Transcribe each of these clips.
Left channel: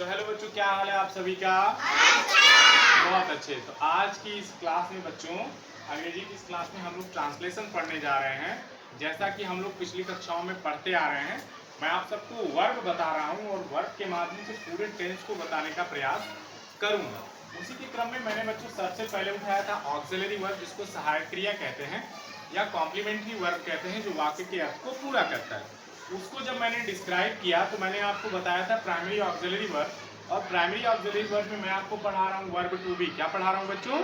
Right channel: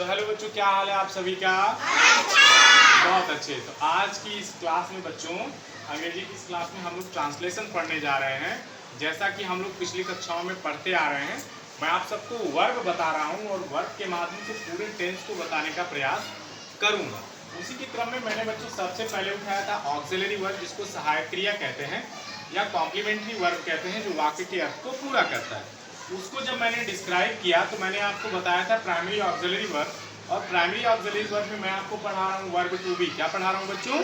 तो हेलो बच्चों, क्या हाल है आप सभी का? बहुत अच्छे। तो आज की इस क्लास में बच्चों, अंग्रेजी की इस क्लास में हम लोग ट्रांसलेशन पढ़ने जा रहे हैं। जैसा कि हम लोग पिछली कक्षाओं में पढ़ते आ रहे हैं, मैं आप सबको वर्ब बता रहा हूं और वर्ब के माध्यम से पूरे टेंस को बताने का प्रयास करूंगा। उसी के क्रम में मैंने बच्चों सबसे पहले उठाया था ऑक्सिलरी वर्ब, जिसको सहायक क्रिया कहते हैं या कॉम्प्लीमेंट्री वर्ब कहते हैं, जो वाक्य के अर्थ को पूरा करता है। उसको जब मैंने डिस्क्राइब किया तो मैंने आपको बताया था प्राइमरी ऑक्सिलरी वर्ब, और प्राइमरी ऑक्सिलरी वर्ब में मैं आपको पढ़ा रहा हूँ वर्ब टू बी। क्या पढ़ा रहा हूँ बच्चों?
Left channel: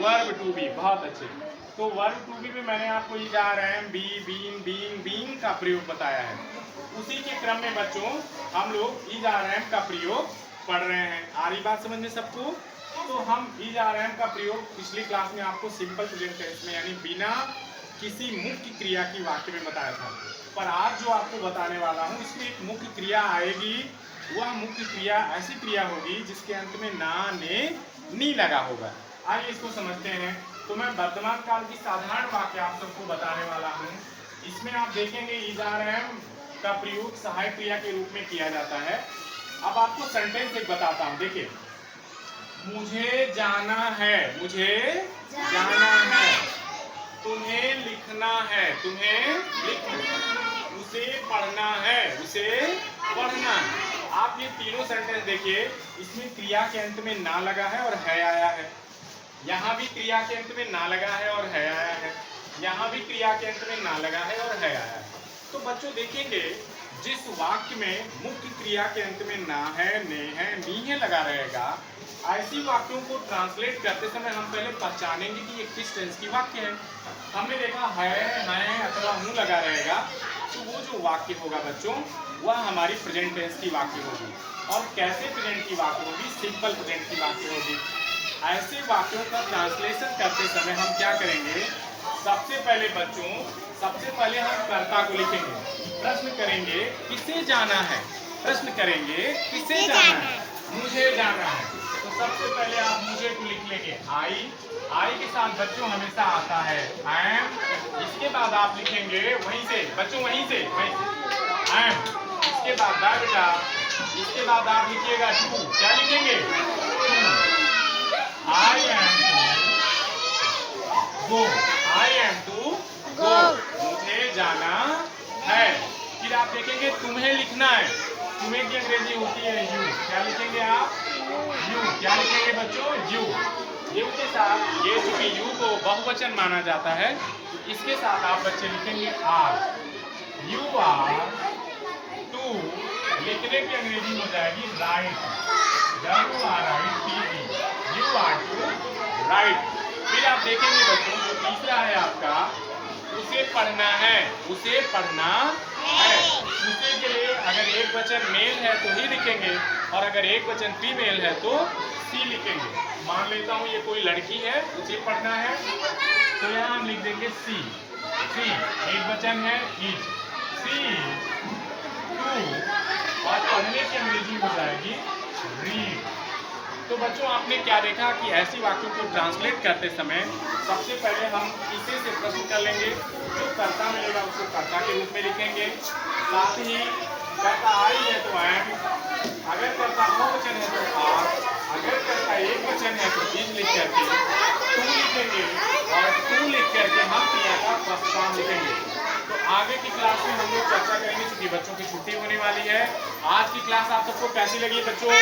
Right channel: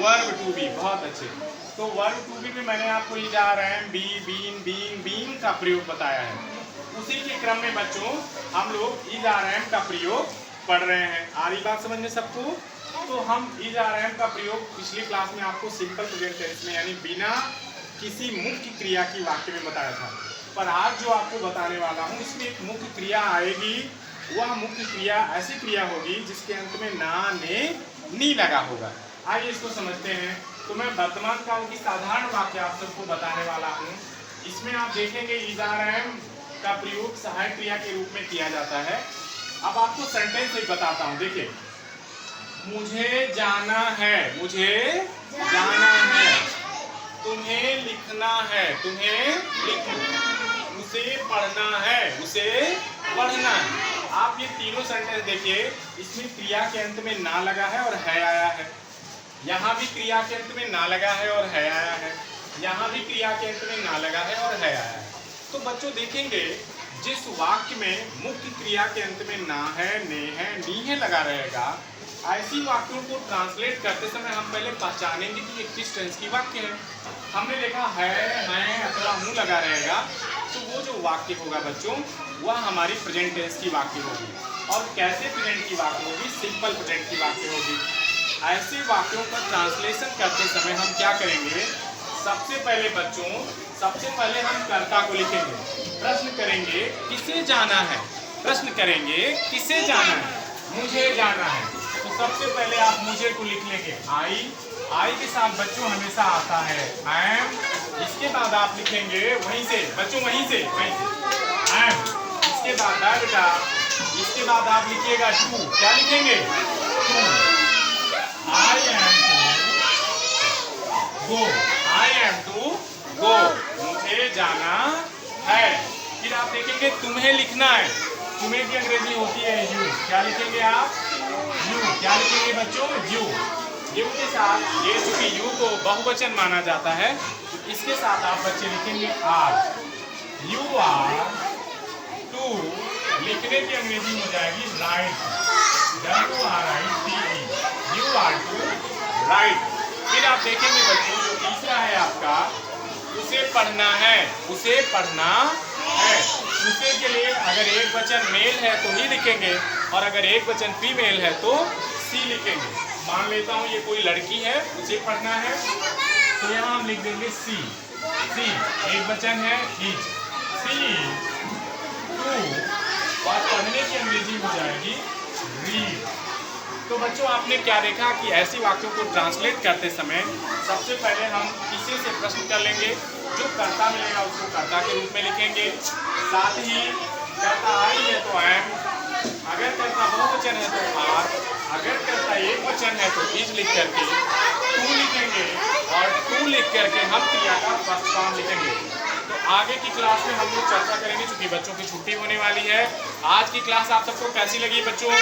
Verb to be. बहुत अच्छे। तो वर्ब टू बी में मैंने आपको is are am be been being being का प्रयोग बताया है। उसी के क्रम में बच्चों हम लोग इज आर एम का प्रयोग पढ़ रहे हैं। आ रही बात समझ में सबको? तो हम इज आर एम का प्रयोग पिछली क्लास में आपको सिंपल प्रेजेंट टेंस में यानी बिना किसी मुख्य क्रिया की वाक्य में बताया था। पर आज जो आपको बताने वाला हूँ इसमें एक मुख्य क्रिया आएगी। वह मुख्य क्रिया ऐसी क्रिया होगी जिसके अंत में ना ने नी लगा होगा। आइए इसको समझते हैं। तो मैं वर्तमान काल की साधारण वाक्य आप सबको बताने वाला हूँ। इसमें आप देखेंगे इज आर एम का प्रयोग सहायक क्रिया के रूप में किया जाता है। अब आपको सेंटेंस एक बताता हूँ। देखिए, मुझे जाना है, मुझे जाना है, तुम्हें लिखना है, तुम्हें लिखना, उसे पढ़ना है, उसे पढ़ना है। आप ये तीनों सेंटेंस देखिए, इसमें क्रिया के अंत में ना लगा है और है आया है। यहाँ भी क्रिया के अंत में ना लगा है और है आया है। यहाँ भी क्रिया के अंत में ना लगा है और है आया है। तो बच्चों देखेंगे, जिस वाक्य में मुख्य क्रिया के अंत में ना है, ने है, नी है लगा रहेगा, ऐसी वाक्यों को ट्रांसलेट करते समय हम पहले पहचानेंगे कि ये किस टेंस की वाक्य है। हमने देखा है अथवा हूँ लगा रहेगा, तो वो जो वाक्य होगा बच्चों वह हमारी प्रेजेंट टेंस की वाक्य होगी। और कैसे प्रेजेंट की वाक्य होगी? सिंपल प्रेजेंट की वाक्य होगी। ऐसे वाक्यों का ट्रांसलेशन करते समय हम क्या करेंगे? सबसे पहले बच्चों, सबसे पहले हम कर्ता को लिखेंगे। प्रश्न करेंगे किसे जाना है, प्रश्न करेंगे किसे जाना है? मुझे जाना है। तो सबसे पहले आप मुझे को लिख लेंगे आई के साथ बच्चों हमेशा आता है एम। इसके बाद आप लिखेंगे वहीं से बच्चों, वहीं से एम। इसके बाद बेटा, इसके बाद आप लिखिएगा टू। क्या लिखेंगे? To. I am to go, I am to go, मुझे जाना है। फिर आप देखेंगे तुम्हें लिखना है। तुम्हें की अंग्रेजी होती है यू। क्या लिखेंगे आप? यू। क्या लिखेंगे बच्चों? यू। यू के साथ ये चूंकि यू को बहुवचन माना जाता है, तो इसके साथ आप बच्चे लिखेंगे आर। यू आर टू, लिखने की अंग्रेजी हो जाएगी write. WRITE, you are to write. फिर आप देखेंगे बच्चों जो तीसरा है आपका, उसे पढ़ना है, उसे पढ़ना है। उसे के लिए अगर एक वचन मेल है तो ही लिखेंगे, और अगर एक वचन फीमेल है तो सी लिखेंगे। मान लेता हूँ ये कोई लड़की है, उसे पढ़ना है, तो यहाँ हम लिख देंगे सी। सी एक वचन है इज, सी टू, और पढ़ने की अंग्रेजी हो जाएगी रीड। तो बच्चों आपने क्या देखा कि ऐसी वाक्यों को ट्रांसलेट करते समय सबसे पहले हम किसे से प्रश्न कर लेंगे। जो कर्ता मिलेगा उसको कर्ता के रूप में लिखेंगे। साथ ही कर्ता आई है तो एम, अगर कर्ता बहुवचन है तो आर, अगर कर्ता एक वचन है तो इज लिख करके टू लिखेंगे, और टू लिख करके हम क्रिया का फर्स्ट फॉर्म लिखेंगे। तो आगे की क्लास में हम लोग चर्चा करेंगे, चूंकि बच्चों की छुट्टी होने वाली है। आज की क्लास आप सबको कैसी लगी बच्चों?